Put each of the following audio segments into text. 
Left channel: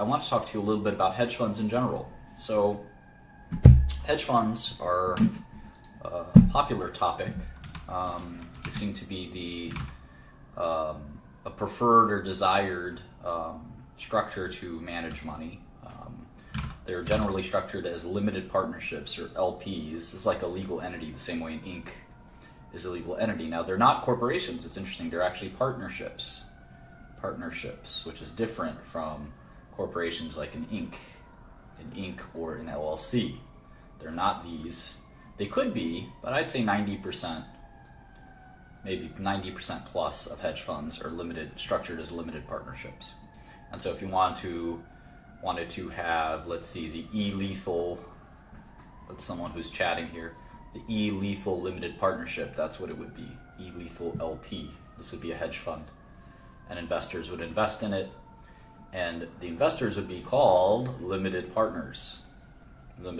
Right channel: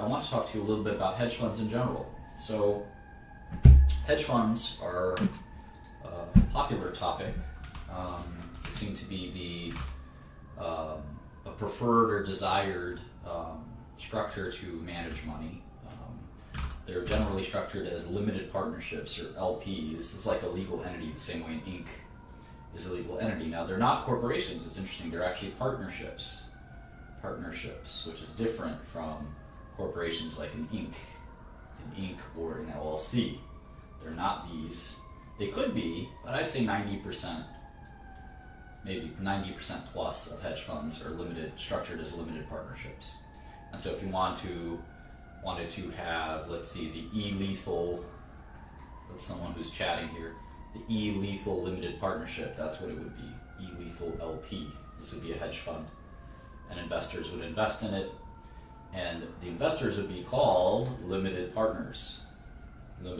I want to talk to you a little bit about hedge funds in general. So, hedge funds are a popular topic. They seem to be a preferred or desired structure to manage money. They're generally structured as limited partnerships or LPs. It's like a legal entity, the same way an Inc. is a legal entity. Now, they're not corporations. It's interesting. They're actually partnerships, which is different from corporations like an Inc. Or an LLC. They're not these. They could be, but I'd say 90%, maybe 90% plus of hedge funds are structured as limited partnerships. And so if you wanted to have, let's see, the E-lethal, that's someone who's chatting here, the E-lethal limited partnership, that's what it would be, E-lethal LP. This would be a hedge fund, and investors would invest in it, and the investors would be called limited partners. And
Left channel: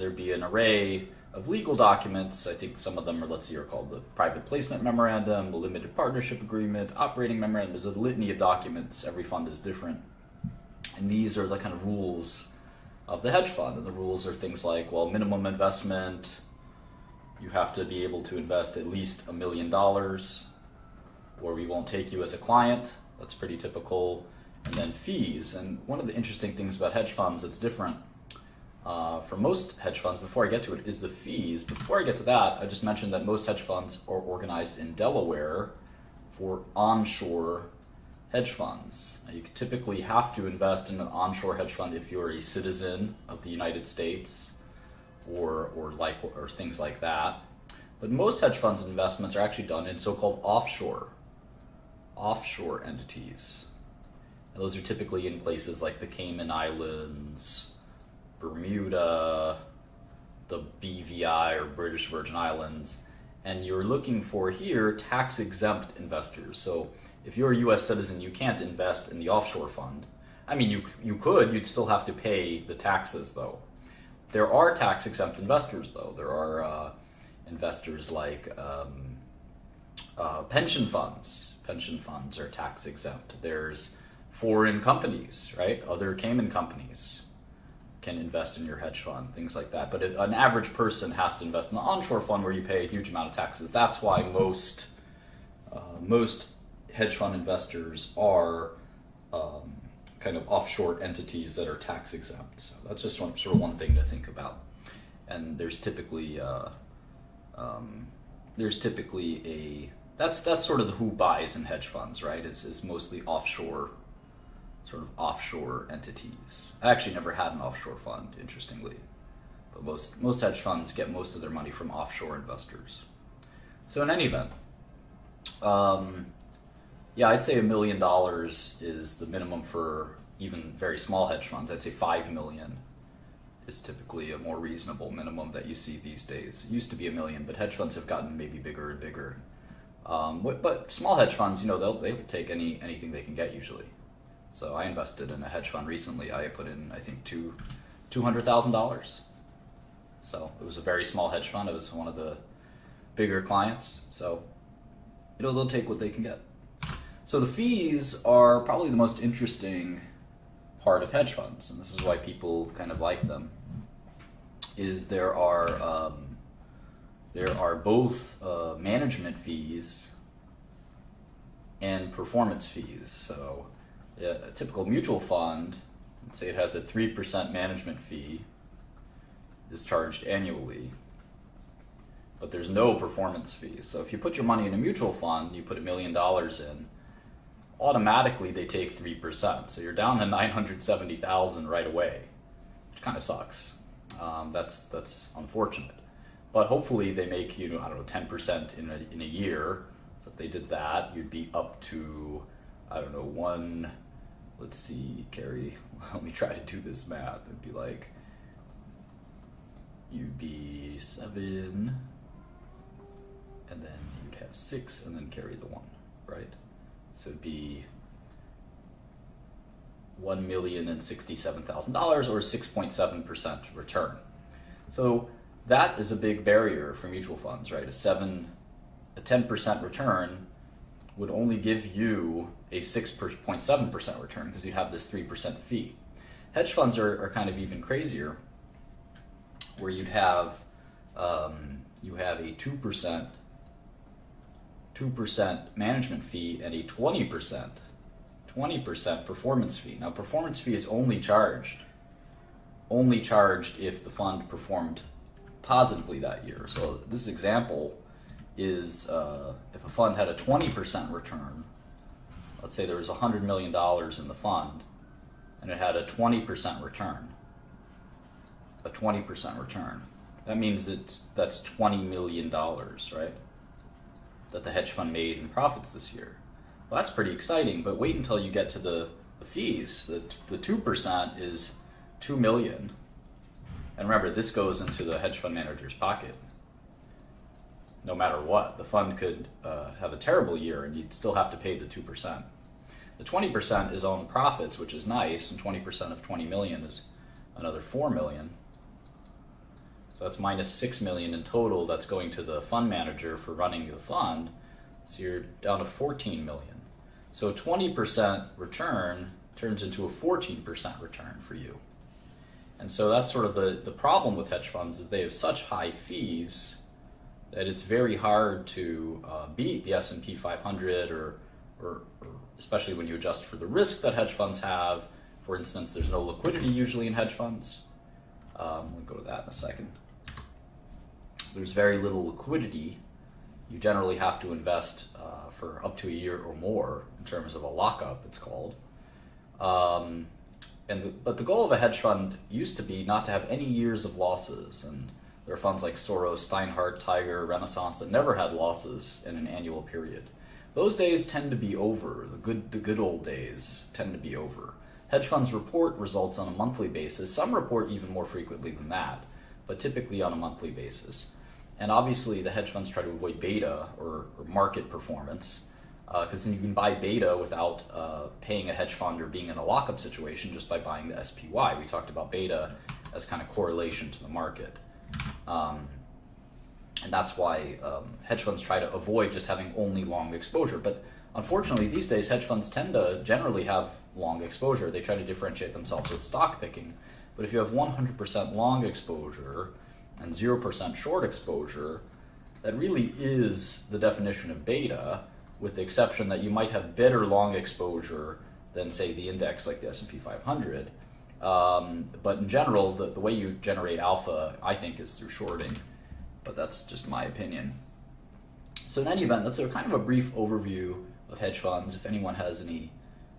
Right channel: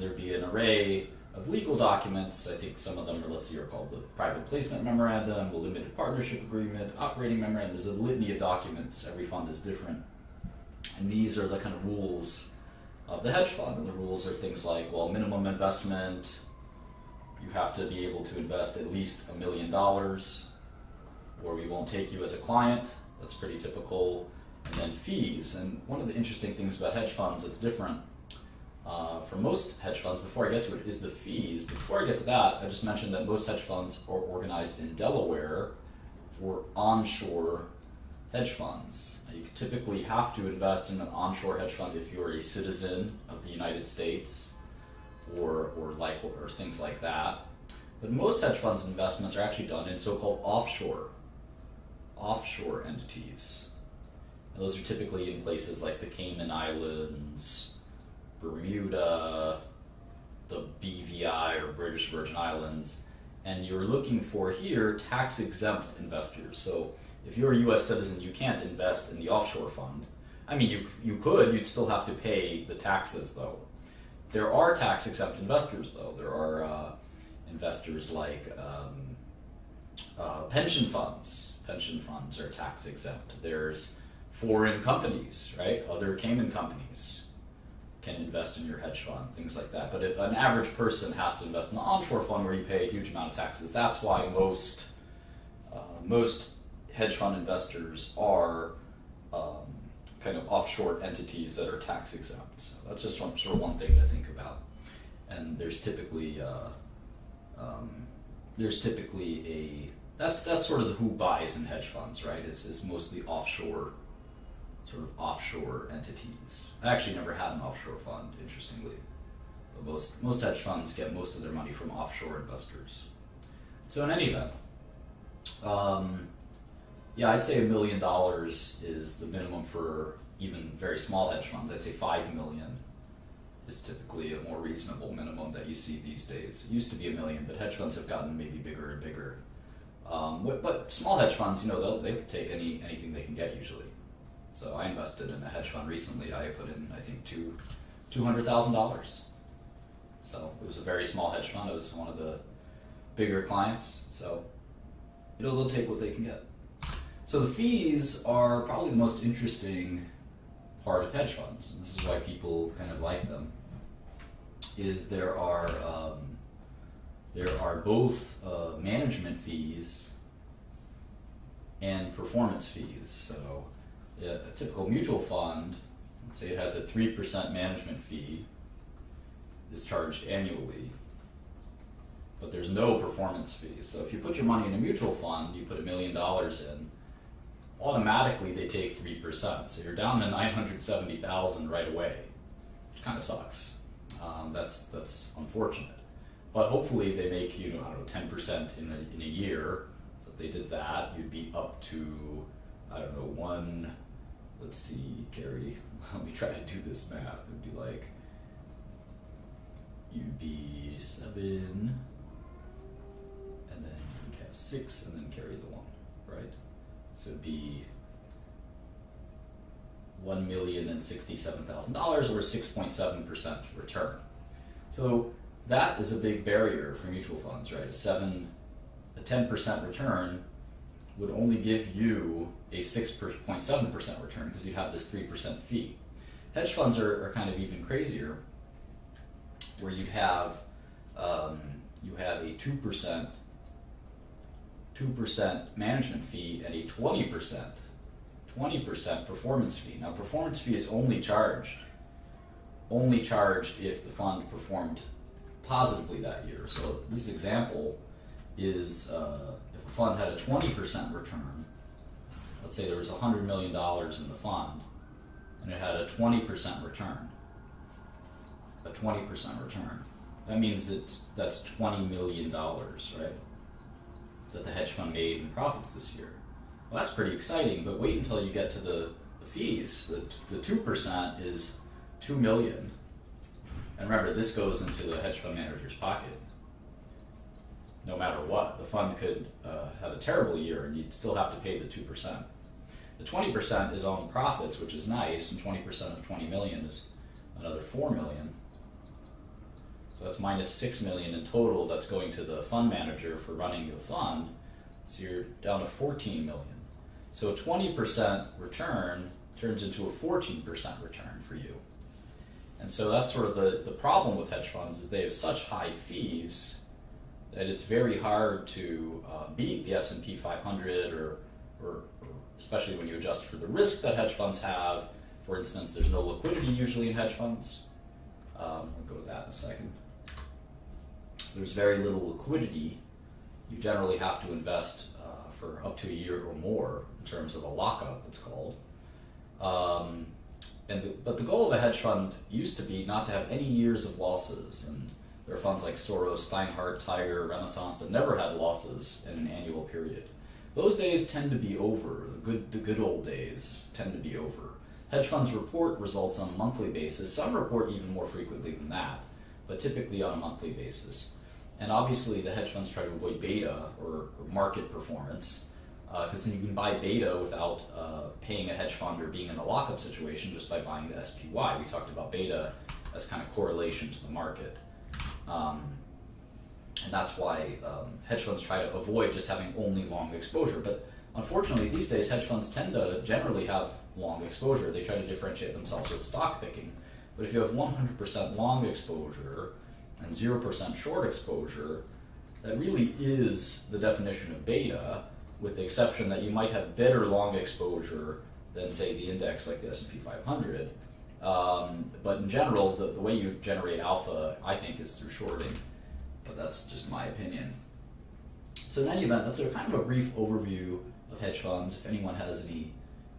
there'd be an array of legal documents. I think some of them are called the private placement memorandum, the limited partnership agreement, operating memorandum. There's a litany of documents. Every fund is different. And these are the kind of rules of the hedge fund. And the rules are things like, well, minimum investment, you have to be able to invest at least $1 million, or we won't take you as a client. That's pretty typical. And then fees. And one of the interesting things about hedge funds that's different from most hedge funds, before I get to it, is the fees. Before I get to that, I just mentioned that most hedge funds are organized in Delaware for onshore hedge funds. Now, you typically have to invest in an onshore hedge fund if you're a citizen of the United States or things like that. But most hedge funds investments are actually done in so-called offshore entities. And those are typically in places like the Cayman Islands, Bermuda, the BVI or British Virgin Islands, and you're looking for here tax-exempt investors. So if you're a U.S. citizen, you can't invest in the offshore fund. I mean, you could, you'd still have to pay the taxes though. There are tax-exempt investors though. There are investors like pension funds. Pension funds are tax-exempt. There's foreign companies, right? Other Cayman companies can invest in your hedge fund, things like that. But an average person has to invest in an onshore fund where you pay a huge amount of taxes. That's why most hedge fund investors are kind of offshore entities that are tax exempt. So that's just sort of one thing to think about. And there's typically that's sort of who buys in hedge funds, right? It's mostly offshore entities. I actually never had an offshore fund, interestingly, but most hedge funds get most of their money from offshore investors. So in any event, I'd say $1 million is the minimum for even very small hedge funds. I'd say $5 million is typically a more reasonable minimum that you see these days. It used to be $1 million, but hedge funds have gotten maybe bigger and bigger. But small hedge funds, they take anything they can get usually. So I invested in a hedge fund recently. I put in, I think, $200,000. So it was a very small hedge fund. It was one of the bigger clients. So they'll take what they can get. So the fees are probably the most interesting part of hedge funds, and this is why people kind of like them. Is there are both management fees and performance fees. So a typical mutual fund, let's say it has a 3% management fee, is charged annually, but there's no performance fee. So if you put your money in a mutual fund, you put $1 million in, automatically they take 3%. So you're down to $970,000 right away, which kind of sucks. That's unfortunate. But hopefully they make 10% in a year. So if they did that, you'd be up to, let's see, Carrie, let me try to do this math. It'd be like, you'd be 7, and then you'd have 6, and then carry the 1, right? So it'd be $1,067,000 or 6.7% return. So that is a big barrier for mutual funds, right? A 10% return would only give you a 6.7% return because you'd have this 3% fee. Hedge funds are kind of even crazier, where you'd have you have a 2% management fee and a 20% performance fee. Now, performance fee is only charged if the fund performed positively that year. So this example is if a fund had a 20% return, let's say there was $100 million in the fund, and it had a 20% return. That means that's $20 million, right? That the hedge fund made in profits this year. Well, that's pretty exciting, but wait until you get to the fees. The 2% is $2 million. And remember, this goes into the hedge fund manager's pocket. No matter what, the fund could have a terrible year and you'd still have to pay the 2%. The 20% is on profits, which is nice, and 20% of 20 million is another 4 million. So that's minus 6 million in total that's going to the fund manager for running the fund. So you're down to 14 million. So a 20% return turns into a 14% return for you. And so that's sort of the problem with hedge funds, is they have such high fees that it's very hard to beat the S&P 500 or especially when you adjust for the risk that hedge funds have. For instance, there's no liquidity usually in hedge funds. We'll go to that in a second. There's very little liquidity. You generally have to invest for up to a year or more in terms of a lockup, it's called. But the goal of a hedge fund used to be not to have any years of losses, and there are funds like Soros, Steinhardt, Tiger, Renaissance that never had losses in an annual period. Those days tend to be over. The good old days tend to be over. Hedge funds report results on a monthly basis. Some report even more frequently than that, but typically on a monthly basis. And obviously the hedge funds try to avoid beta or market performance, because then you can buy beta without paying a hedge fund or being in a lockup situation just by buying the SPY. We talked about beta as kind of correlation to the market. And that's why hedge funds try to avoid just having only long exposure. But unfortunately, these days, hedge funds tend to generally have long exposure. They try to differentiate themselves with stock picking. But if you have 100% long exposure and 0% short exposure, that really is the definition of beta, with the exception that you might have better long exposure than, say, the index like the S&P 500. But in general, the way you generate alpha, I think, is through shorting. But that's just my opinion. So in any event, that's a kind of a brief overview of hedge funds. If anyone has any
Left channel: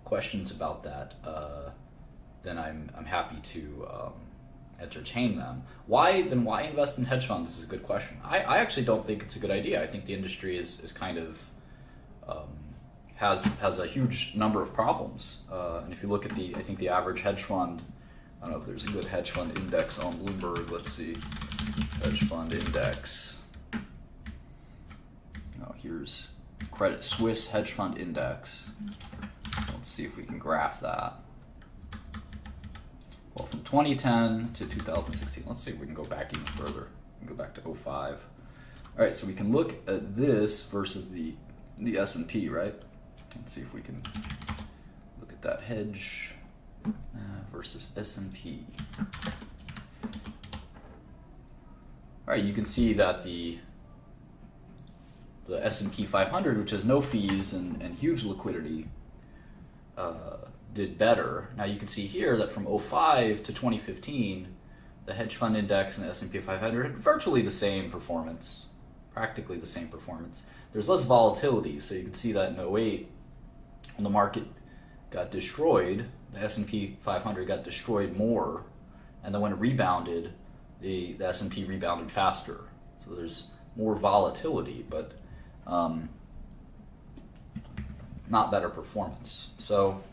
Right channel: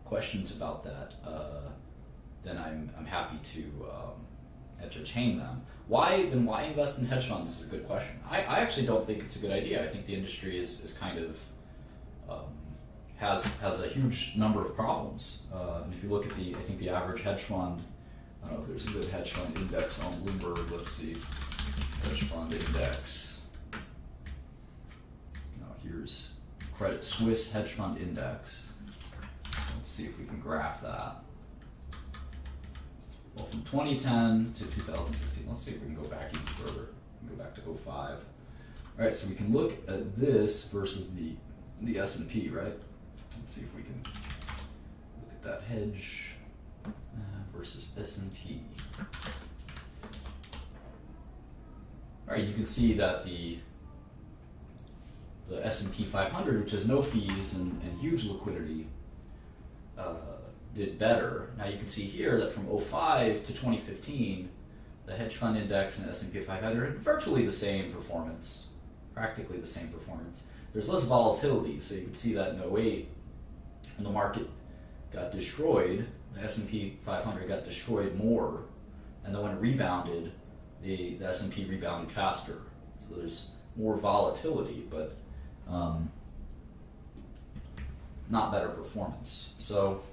questions about that, then I'm happy to entertain them. Why invest in hedge funds is a good question. I actually don't think it's a good idea. I think the industry is kind of has a huge number of problems. And if you look at I think the average hedge fund, I don't know if there's a good hedge fund index on Bloomberg. Let's see, hedge fund index. Here's Credit Suisse hedge fund index. Let's see if we can graph that. Well, from 2010 to 2016, let's see if we can go back even further. We can go back to 05. All right, so we can look at this versus the S&P, right? Let's see if we can look at that hedge versus S&P. All right, you can see that the S&P 500, which has no fees and huge liquidity, did better. Now you can see here that from 05 to 2015, the hedge fund index and the S&P 500 had virtually the same performance, practically the same performance. There's less volatility, so you can see that in 08, when the market got destroyed, the S&P 500 got destroyed more, and then when it rebounded, the S&P rebounded faster. So there's more volatility, but not better performance. So,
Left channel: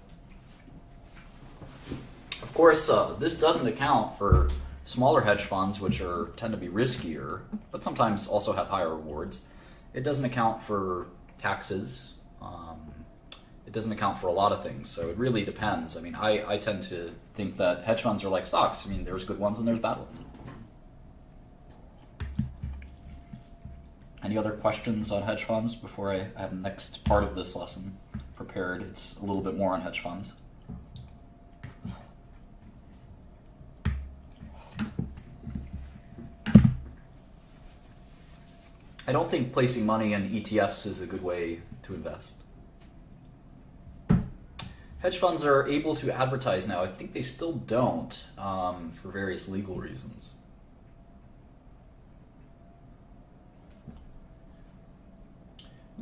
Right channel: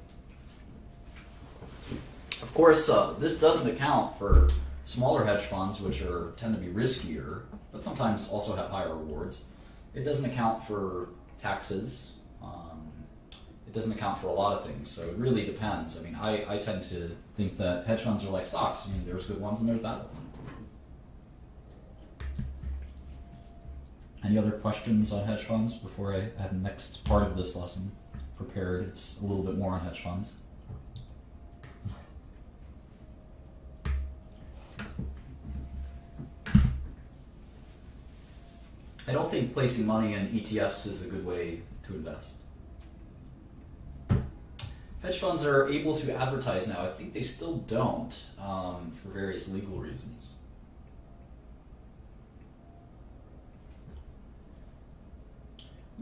of course, this doesn't account for smaller hedge funds, which tend to be riskier, but sometimes also have higher rewards. It doesn't account for taxes. It doesn't account for a lot of things, so it really depends. I mean, I tend to think that hedge funds are like stocks. I mean, there's good ones and there's bad ones. And Any other questions on hedge funds before I have the next part of this lesson prepared? It's a little bit more on hedge funds. I don't think placing money in ETFs is a good way to invest. Hedge funds are able to advertise now. I think they still don't for various legal reasons.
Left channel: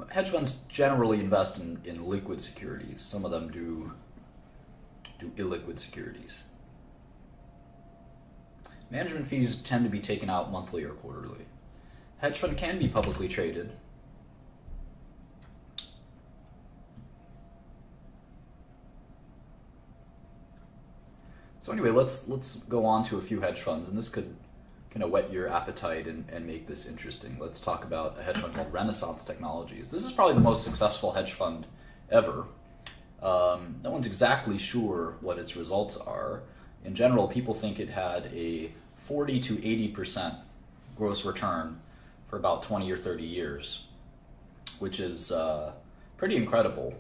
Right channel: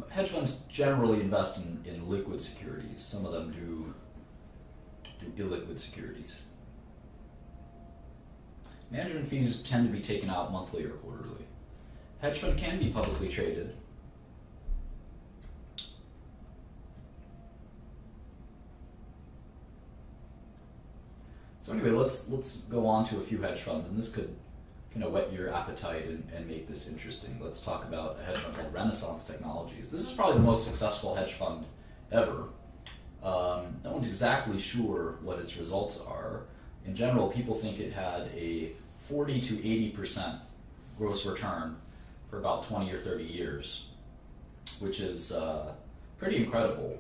Hedge funds generally invest in liquid securities. Some of them do illiquid securities. Management fees tend to be taken out monthly or quarterly. Hedge fund can be publicly traded. So anyway, let's go on to a few hedge funds, and this could kind of whet your appetite and make this interesting. Let's talk about a hedge fund called Renaissance Technologies. This is probably the most successful hedge fund ever. No one's exactly sure what its results are. In general, people think it had a 40 to 80% gross return for about 20 or 30 years, which is pretty incredible.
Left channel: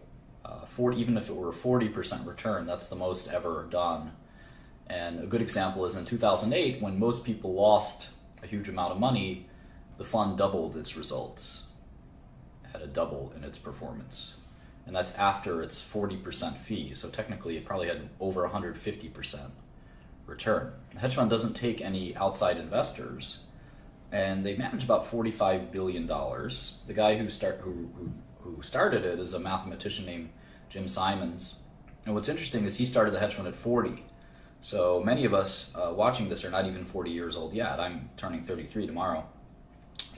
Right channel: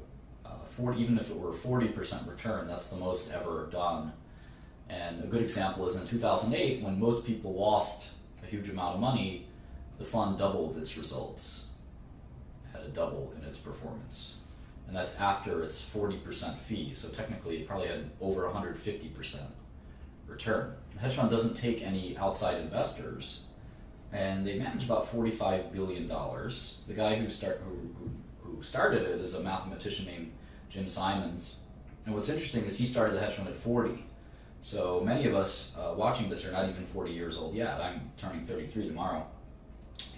Even if it were a 40% return, that's the most ever done. And a good example is in 2008, when most people lost a huge amount of money, the fund doubled its results, had a double in its performance. And that's after its 40% fee, so technically it probably had over 150% return. The hedge fund doesn't take any outside investors, and they manage about $45 billion. The guy who started it is a mathematician named Jim Simons. And what's interesting is he started the hedge fund at 40. So many of us watching this are not even 40 years old yet. I'm turning 33 tomorrow.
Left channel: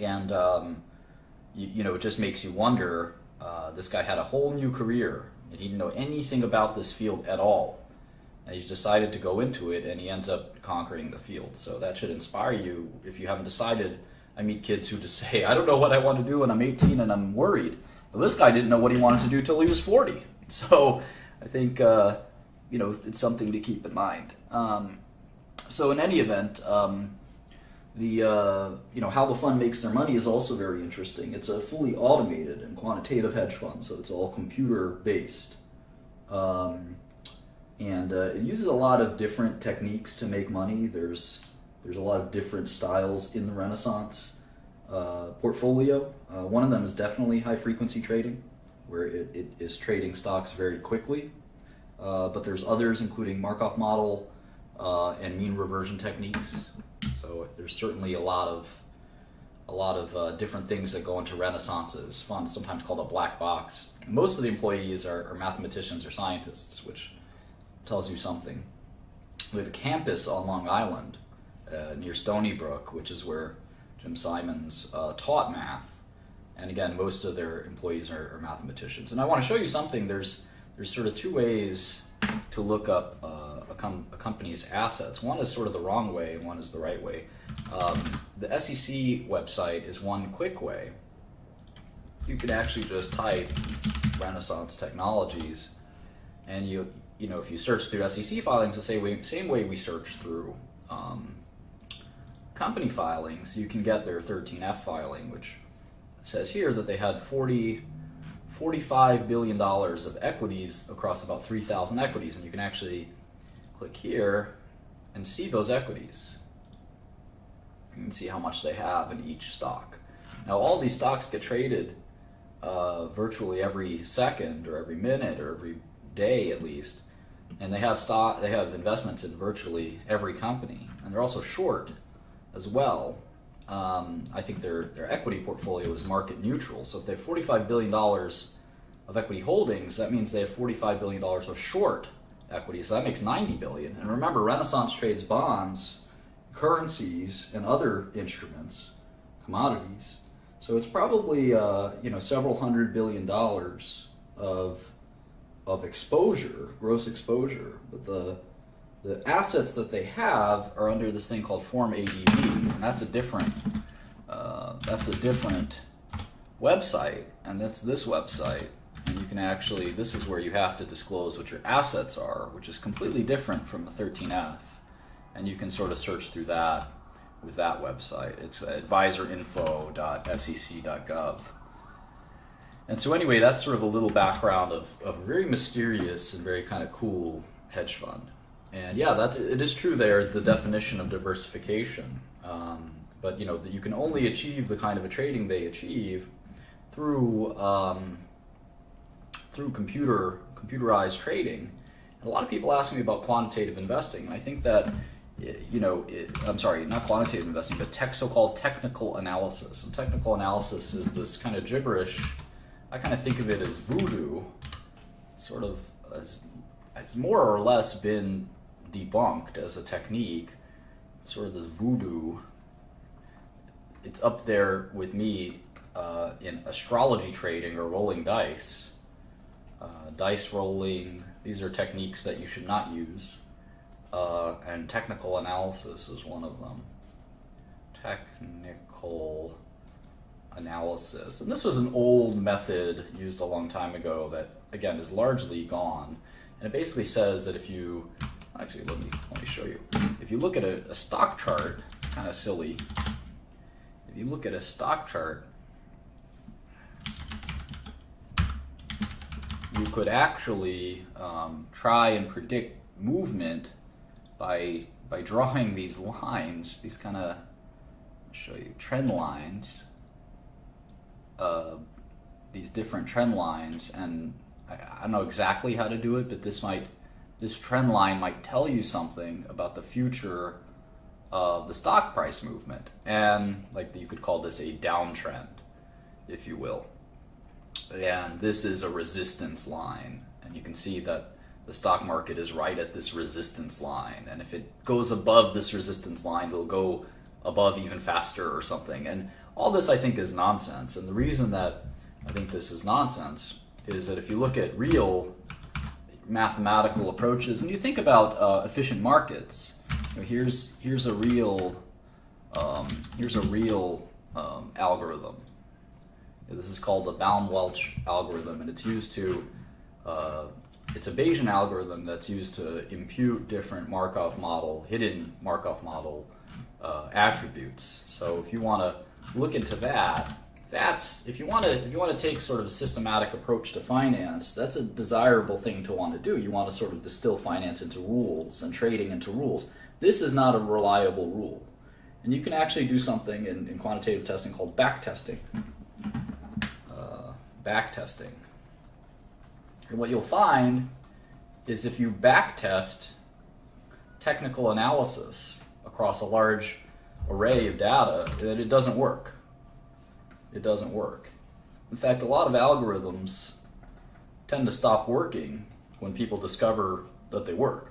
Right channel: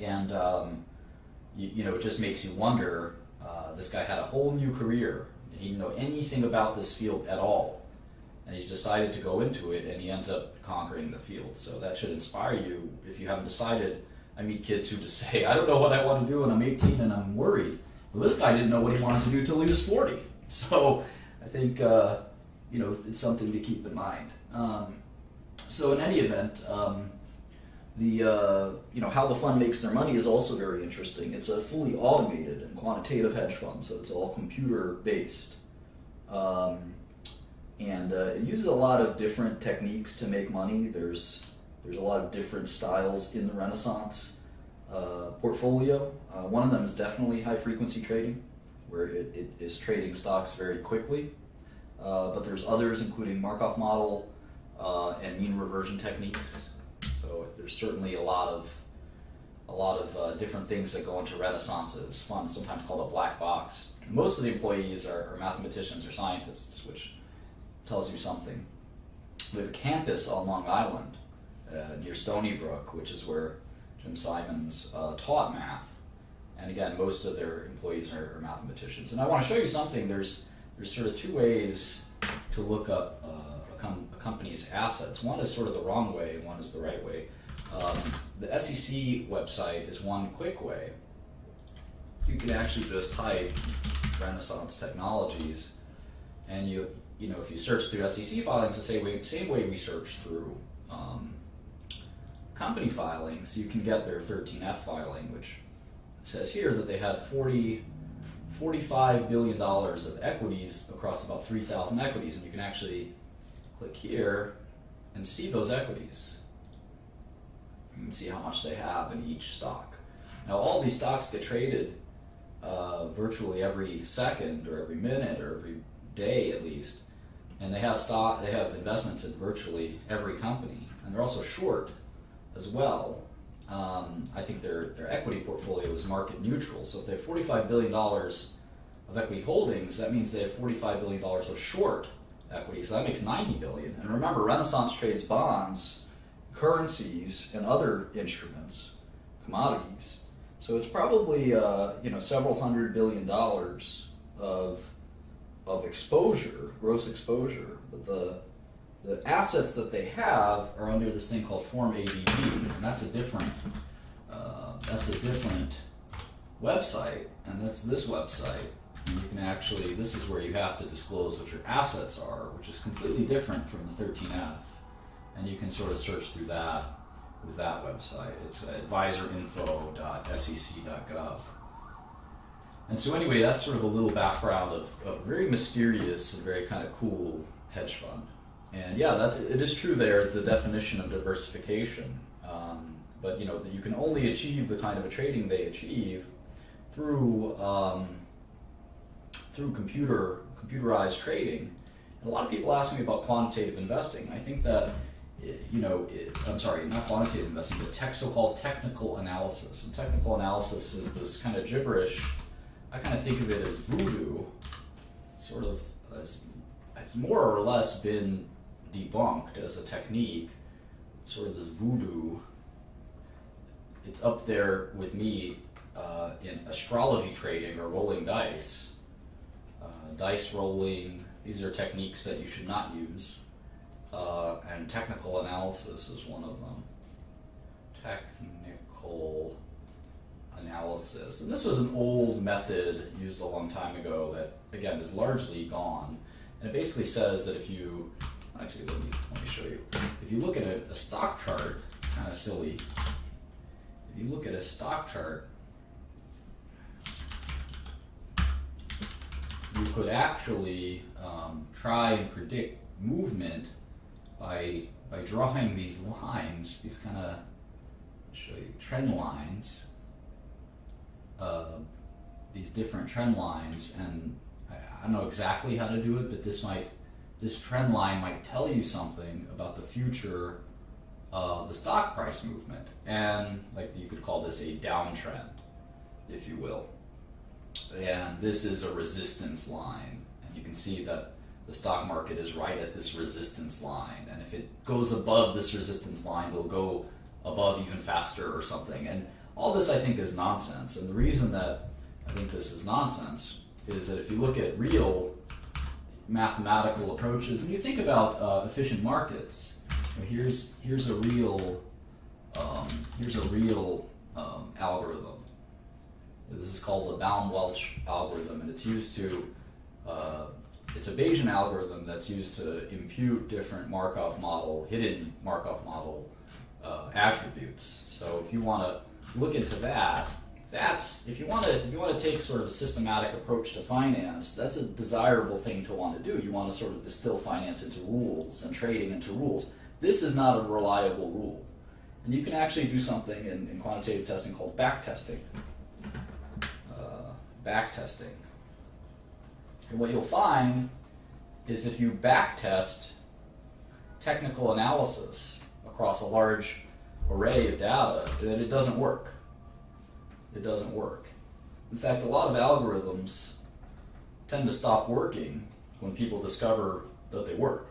And, it just makes you wonder, this guy had a whole new career, and he didn't know anything about this field at all. And he's decided to go into it, and he ends up conquering the field. So that should inspire you if you haven't decided. I meet kids who just say, I don't know what I want to do when I'm 18 and I'm worried. Well, this guy didn't know what he wanted to do till he was 40. So I think... it's something to keep in mind. So in any event, how the fund makes their money is also very interesting. It's a fully automated and quantitative hedge fund, so it's all computer based. It uses a lot of different techniques to make money. There's a lot of different styles in the Renaissance portfolio. One of them is definitely high frequency trading, where it is trading stocks very quickly. But there's others, including Markov model and mean reversion techniques. So there's certainly a lot of different things that go into Renaissance's fund, sometimes called a black box. Most of the employees are mathematicians or scientists, which tells you something. We have a campus on Long Island near Stony Brook, which is where Jim Simons taught math. And again, most of their employees are mathematicians. And I want to show you something. There's sort of two ways to look up a company's assets. One is sort of the wrong way, and one is the right way. The SEC website is one quick way. You can actually just type Renaissance Technologies, and if you search through SEC filings the same way we search through company filings, you can get their 13F filing, which says here that they had $45 billion of equities across about 3,000 equities, and you can actually click here and see those equities. You can see how much they have in each stock. Now, all these stocks get traded virtually every second or every minute or every day at least, and they have investments in virtually every company, and they're also short as well. I think their equity portfolio is market neutral. So if they have $45 billion of equity holdings, that means they have $45 billion of short equity. So that makes $90 billion. And remember, Renaissance trades bonds, currencies, and other instruments, commodities. So it's probably several $100 billion of exposure, gross exposure. But the assets that they have are under this thing called Form ADV, and that's a different website, and that's this website. And you can actually, this is where you have to disclose what your assets are, which is completely different from the 13F, and you can sort of search through that. with that website. It's advisorinfo.sec.gov. And so anyway, that's sort of a little background of a very mysterious and very kind of cool hedge fund. And yeah, that it is true there, the definition of diversification. But you know, you can only achieve the kind of a trading they achieve through computerized trading. And a lot of people ask me about quantitative investing. And I think that I'm sorry, not quantitative investing, but so-called technical analysis. And technical analysis is this kind of gibberish. I kind of think of it as voodoo, sort of as more or less been debunked as a technique. Sort of this voodoo. It's up there with me in astrology trading or rolling dice. Dice rolling, these are techniques that you should not use. And technical analysis is one of them. Technical analysis. And this was an old method used a long time ago that, again, is largely gone. And it basically says that if you, actually let me show you. If you look at a stock chart, kind of silly. If you look at a stock chart, you could actually try and predict movement by drawing these lines, these kind of, show you, trend lines, these different trend lines, and I don't know exactly how to do it, but this trend line might tell you something about the future of the stock price movement, and like you could call this a downtrend, if you will. And this is a resistance line, and you can see that the stock market is right at this resistance line, and if it goes above this resistance line, it'll go above even faster or something. And all this, I think, is nonsense. And the reason that I think this is nonsense is that if you look at real mathematical approaches and you think about efficient markets, here's a real algorithm. This is called the Baum-Welch algorithm, and it's used to it's a Bayesian algorithm that's used to impute different hidden Markov model attributes. So if you want to look into that, if you want to take sort of a systematic approach to finance, that's a desirable thing to want to do. You want to sort of distill finance into rules and trading into rules. This is not a reliable rule, and you can actually do something in quantitative testing called backtesting. Backtesting. And what you'll find is if you backtest technical analysis across a large array of data, that it doesn't work. It doesn't work. In fact, a lot of algorithms tend to stop working when people discover that they work.